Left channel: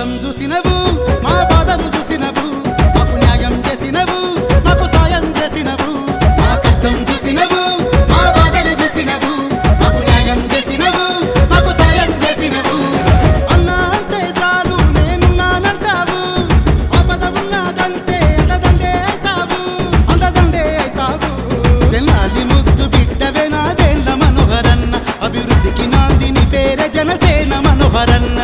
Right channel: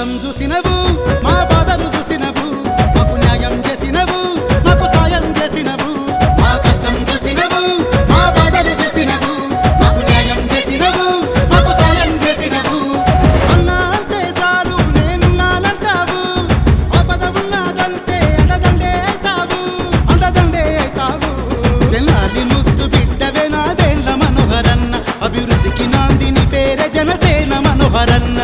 కష్టం చూసినవు మా బాధను చూసినవు మాకు న్యాయం చేసినవు మాకు సాయం చేసినవు మా కష్టం చూసినవు మా బాధను చూసినవు మాకు న్యాయం చేసినవు మాకు సాయం చేసినవు అన్నా అంటే చాలు నేనున్నానంటావు ఆపద ఉన్నదంటే అండదండే అవుతావు తెల్లాలి ముద్దు బిడ్డవే నాదేండ్ల మనోహరన్న అభివృద్ధికి నాందిని పేరే జనసేన మనోహరన్న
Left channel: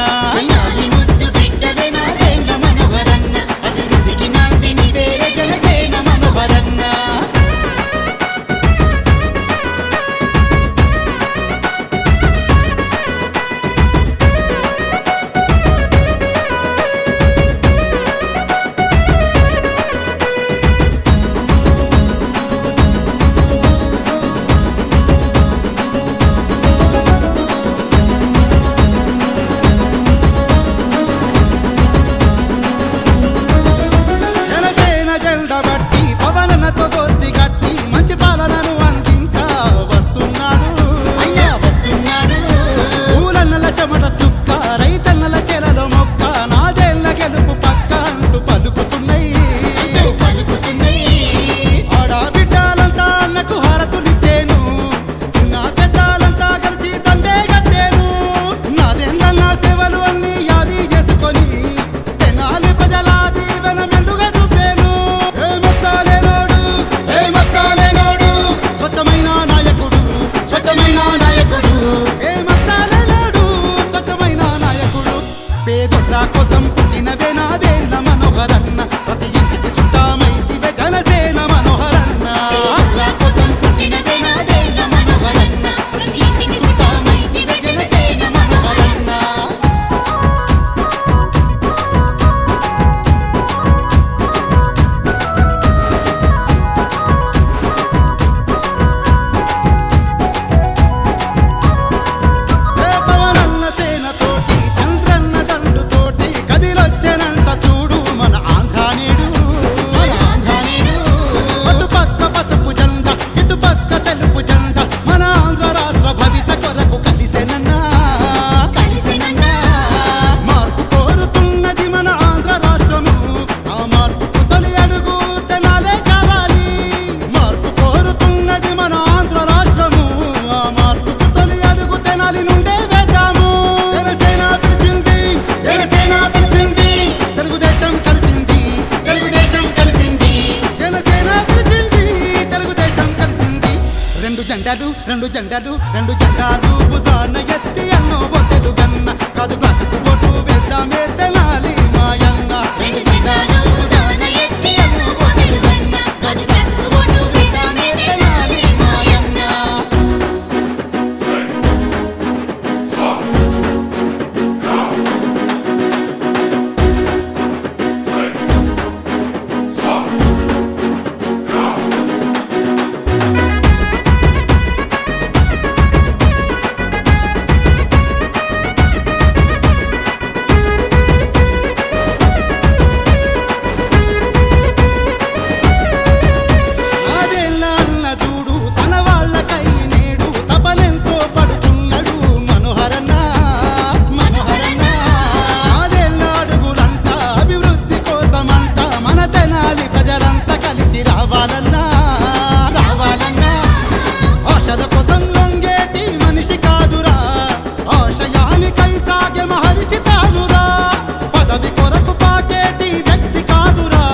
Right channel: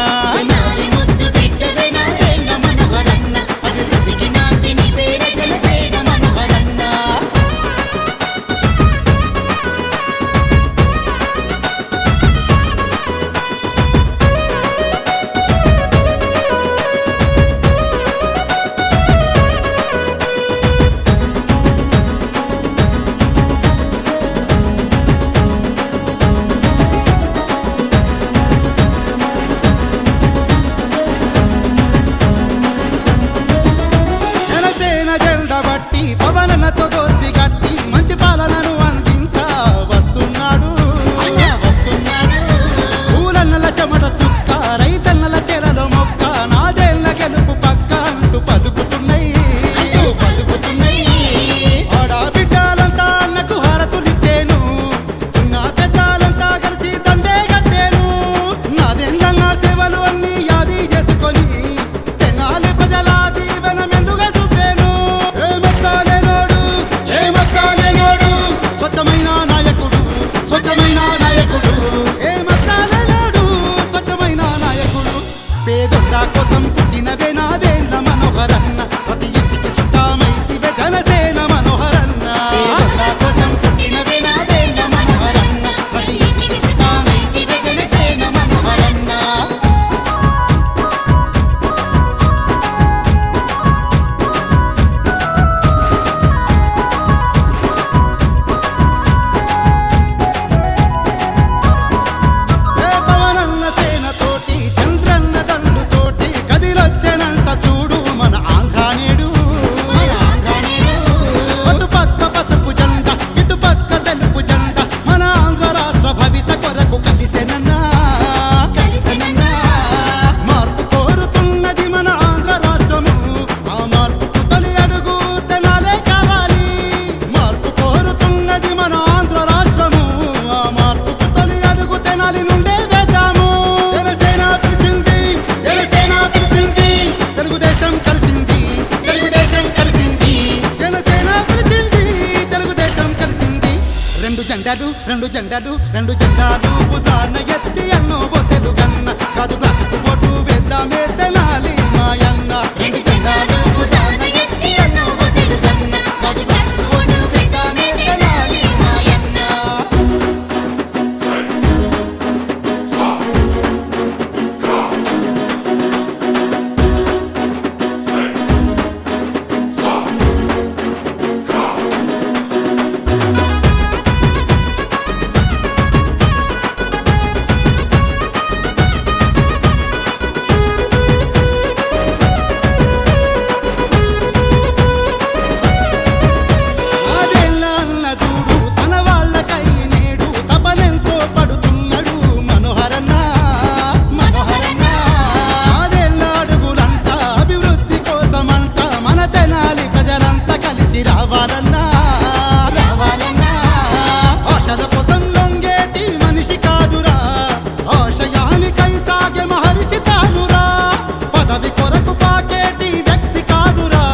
బట్టి పవనతో దోస్తి కట్టి మంచి పాలనను అందించా వస్తున్నాడు ఊలన్నల చెమట చుక్క రైతన్నల చెలలో మొక్క నాదేళ్ల గెలుపు పక్క అంటూ పలుకుతున్నాయి ఆడబిడ్డలంతా అన్నకు హారతులిచ్చేను చిన్న పెద్దలంతా కలిసి దండే కట్టేను నాదేళ్ల నా సేవలు అన్ని యాది చేసుకొని తెనాలి ప్రజల దీవెన మెండుగా చూపేను స్వచ్ఛమైన నాయకుడు ఏ మచ్చాలేనాడు స్వచ్ఛమైన నాయకుడు పేదొల్ల కోసం పుట్టినవే నాదేండ్ల మనోహరన్న ప్రతి ఇంటికి సుట్టామైతివే జనసేన మనోహరన్న వచ్చేనంట చూడు మన ఆంధ్రానేడు అటు పక్క పసుపు జెండ ఇటు పక్క తెలుపు జెండ మన ఆంధ్ర రాష్ట్ర భవిత కొరకు కలిసెనన్నా మార్పు కోరుతున్నది మన ఆంధ్ర రాష్ట్రము ఆ మార్పుకు తొలి అడుగు తెనాలే కావాలి మార్పు కోరుతున్నది మన ఆంధ్ర రాష్ట్రము ఆ మార్పుకు తొలి అడుగు తెనాలి నుండే వేద్దాము జనసేన పిలిచింది తెలుగుదేశం కలిసింది జనసేన పిలిచింది తెలుగుదేశం కలిసింది రెండు జెండాలు భుజాన ఎత్తి అన్నో తెలుగన్న కాదు గ్లాసుకు ఓటు వేద్దామే తెనాలి మాయన్న తెనాలి ప్రజలంతా కలిసి రావాలన్నా ఆశల కోసం లొంగేటి మనిషి కాదురా ఆశయానికై సాగే మహర్షి తానురా పదవి కొరకు పాకేటి వ్యక్తి కాదురా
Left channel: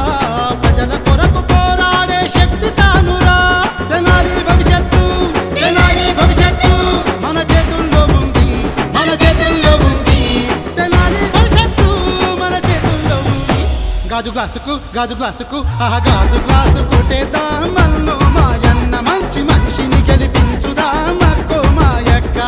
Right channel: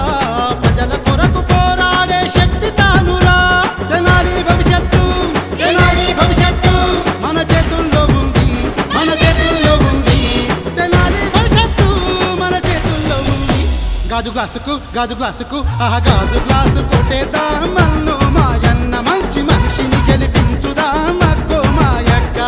ప్రజల కొరకు పోరాడే శక్తి తానురా తెనాలి భవిష్యత్తు మన చేతుల్లో ఉంది తెనాలి భవిష్యత్తు మన చేతుల్లో ఉంది గాజు గ్లాసుకు ఆ గాజు గ్లాసు కొట్టేద్దాం మన్ను మాయన్న మంచి మనిషిని గెలిపించుదాం అక్కో మాయక్క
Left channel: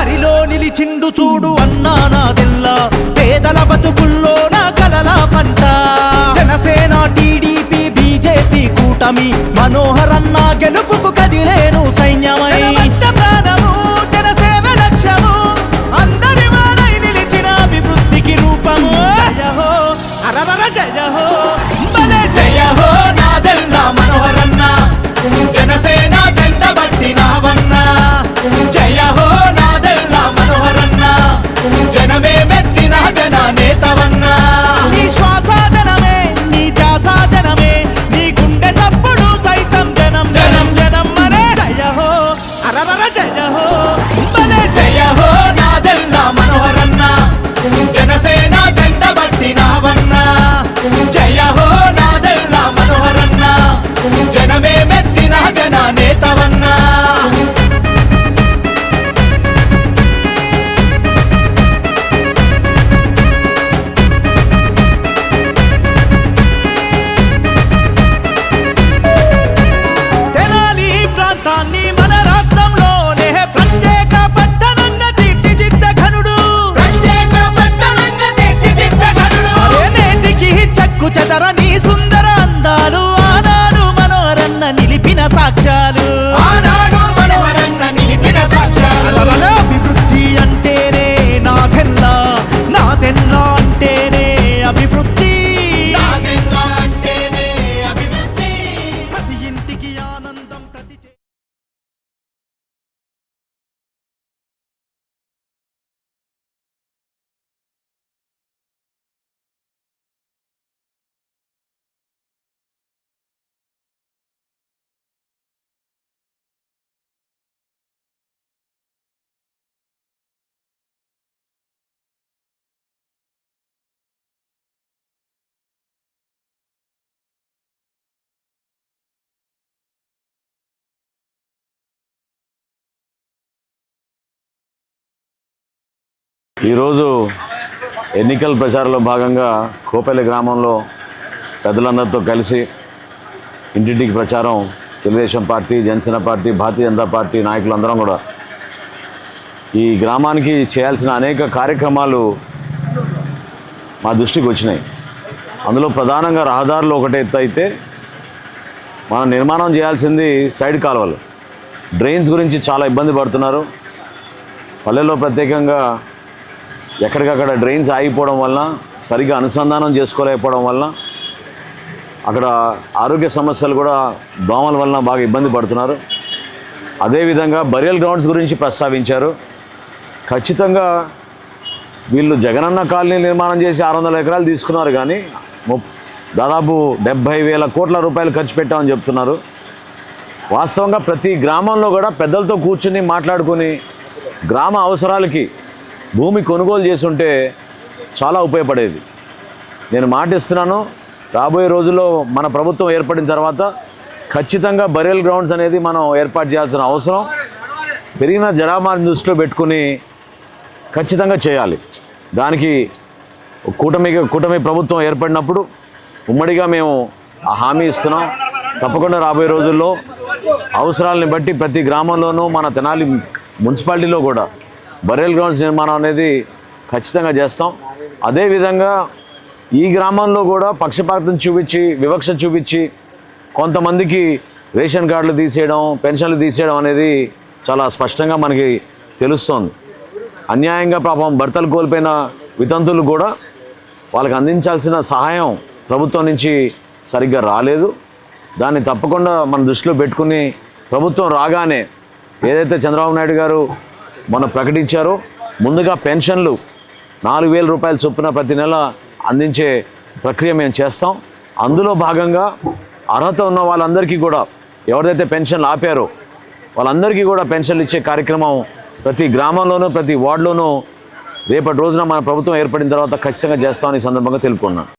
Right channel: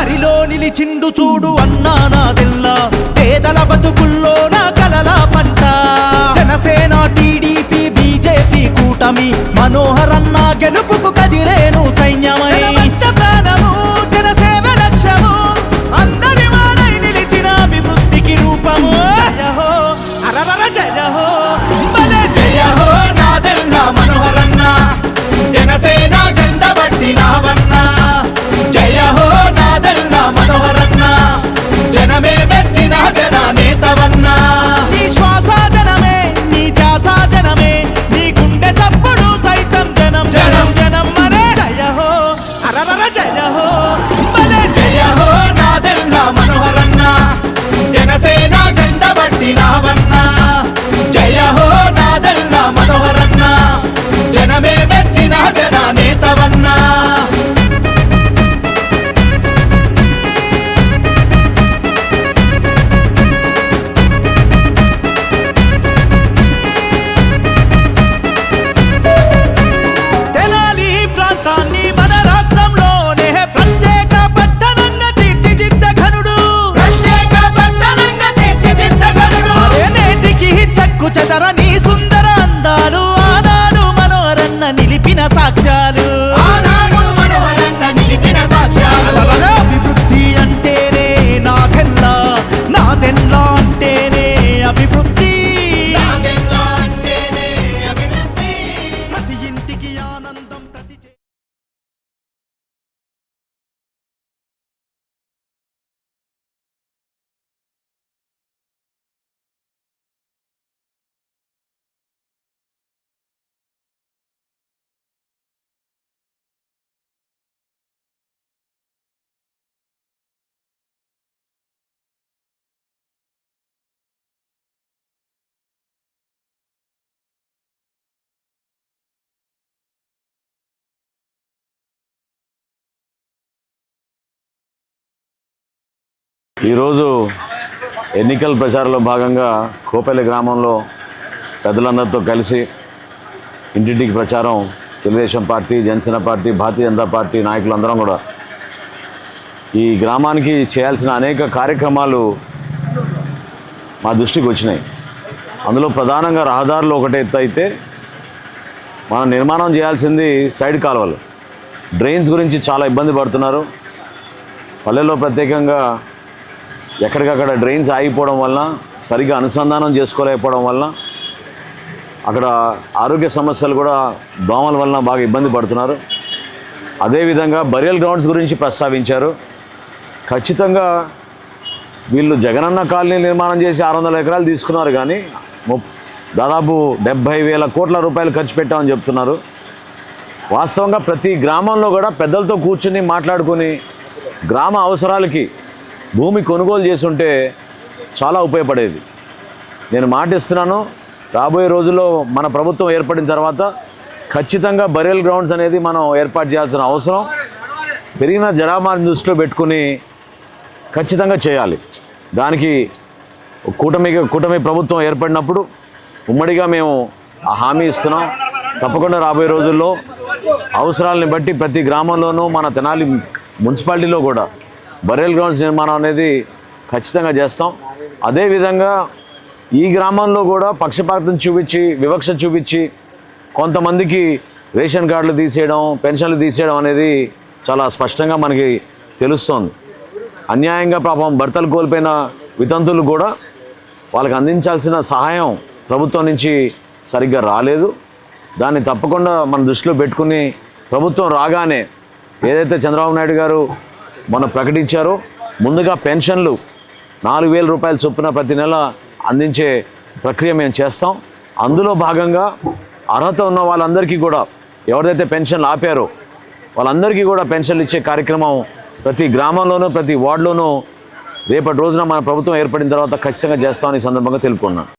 బరిలో నిలిచిండు చూడు అన్నా నాదెల్లా పేదల బతుకుల్లో నా కలల పంట జనసేన టీడీపీ బీజేపీ కూటమి మనోహరన్న గెలుపుకు కదిలేను సైన్యమై ప్రాణము జనసేవ లక్ష్యము అందరి వాడై నిలిచిన అభివృద్ధికి రూపము జయ హో అరరర జయ హో భలే జయ హో నాదెల్లా మనోహరన్న జనసేన జెండ బట్టినావన్న జయ హో నాదెల్లా మనోహరన్న జనమే మెచ్చిన జన నేతవన్నా నీ శ్వాస జనమే నీ ధ్యాస జనమే నీ గుండె తప్పుడు సైతం జనం జనం జనం మరే జయ హో అరరర జయ హో భలే జయ హో నాదెల్లా మనోహరన్న జనసేన జెండ బట్టినావన్న జయ హో నాదెల్లా మనోహరన్న జనమే మెచ్చిన జన నేతవన్నా తెనాలి ప్రాంతాన్ని మన రాష్ట్రంలోనే ప్రత్యేక పట్టణంగా తీర్చిదిద్ద ఘనుడు అరే నేటికి చెక్కు చెదరని సుందర అందాలు ఆనాడు మనోహరన్న నిలిపిన సాక్ష్యాలు అలల అభివృద్ధి అంటేనే నాదెల్లా నాదెల్లా అంటేనే అభివృద్ధి ప్రతి ఇంటికి ఆనందం ప్రతి ఈరోజు ఎన్నికల ప్రచారంలో భాగంగా కోపల్లి గ్రామంలో పెద్దలందరితో కలిసి ఇంటింటికి ప్రచారం Telugu Desam party Janasena party Bharatiya Janata party నాయకులందరం కూడా ఈ గ్రామానికి చేయాల్సిన అనేక కార్యక్రమాలు మా దృష్టికి వచ్చినాయి. అందులో ప్రధానంగా రహదారులు ఒకటే ఎత్తు అయితే మనం నిర్మాణం చేయాల్సింది సైడ్ కాలువలు. డ్రైన్స్ గురించి చాలా ఇబ్బంది పడుతున్నారు. పల్లెల్లో ప్రత్యేకంగా ఎక్కడికక్కడ డ్రైన్స్ ఆగిపోవడం వలన సరిగ్గా అనుసంధానం చేసుకోలేకపోవడం వలన అక్కడ ఆరోగ్య సమస్యలు కూడా దోమల వలన బాగా ఇబ్బంది పడుతున్నారు. అదేవిధంగా బరియల్ గ్రౌండ్స్ గురించి ప్రస్తావించారు. ఖచ్చితంగా వీళ్ళు జగనన్న కాలనీ నిర్మాణం చేసి 600 ఎకరాలు తీసుకున్నారు, కానీ దాదాపు 70,000 కోట్ల రూపాయలు ఖర్చు పెట్టామని చెప్తున్నారు. వాస్తవంగా ప్రతి గ్రామంలో కూడా పెద్దలతో కూర్చుని మాట్లాడుకొని గ్రామ అవసరాలకి భూమి కొనుగోలు చేసుంటే చాలా ఉపయోగపడేది. నేను మాటిస్తున్నాను, రాబోయే రోజుల్లో మన ప్రభుత్వం ఏర్పడిన తర్వాత ఖచ్చితంగా బరియల్ గ్రౌండ్స్ అనేది మనం ఏర్పాటు చేయాల్సిన అవసరం పెరిగిన జనాభాని దృష్టిలో పెట్టుకుని ఖచ్చితంగా చేయాలి. దానికి కూటమి ప్రభుత్వం ఏర్పడినప్పుడు ఉమ్మడిగా మేము ఆ హామీ ఇస్తున్నాం. తప్పకుండా రాబోయే రోజుల్లో అవసరాలని బట్టి ప్రతి గ్రామంలోనూ మన తెనాలి మున్సిపాలిటీలో కూడా బరియల్ గ్రౌండ్స్ నిర్మాణం అనేది ఖచ్చితంగా చేస్తాం. అదేవిధంగా ఈ గ్రామంలో కూడా పక్షపాతం చూపించి వివక్ష చూపించి కొంతమందికి రేషన్ కార్డులు తీసేయడం పెన్షన్లు తీసేయడం అనేది చాలా స్పష్టంగా మనకి తెలుస్తోంది. అన్యాయంగా పాపం భర్తలు కోల్పోయిన వితంతులు కూడా వాళ్ళకి అందించాల్సిన సహాయం ప్రభుత్వం నుంచి సరిగ్గా రాలేదు. దాన్ని తప్పకుండా మన దృష్టిలో పెట్టుకుని ప్రభుత్వం రాగానే ఏదైతే చంద్రబాబు నాయుడు గారు మొన్న ప్రకటించారో ముందుగా పెన్షన్లు 4,000 రూపాయల చొప్పున ప్రతి నెల అందించే ప్రక్రియ మేము చేస్తాం. అందులో భాగంగా అర్హత ఉన్న వాళ్ళందరికీ కూడా ఎవరైతే పెన్షన్లు ఆపారో వాళ్ళందరికీ కూడా పెన్షన్లు ఇచ్చే కార్యక్రమం ప్రతి గ్రామంలోనూ ప్రతి వార్డులోనూ రేపటి రోజున మన ప్రభుత్వం ఏర్పడిన తర్వాత ఖచ్చితంగా చేస్తామని ఈ సందర్భంగా తెలుపుకున్నాను.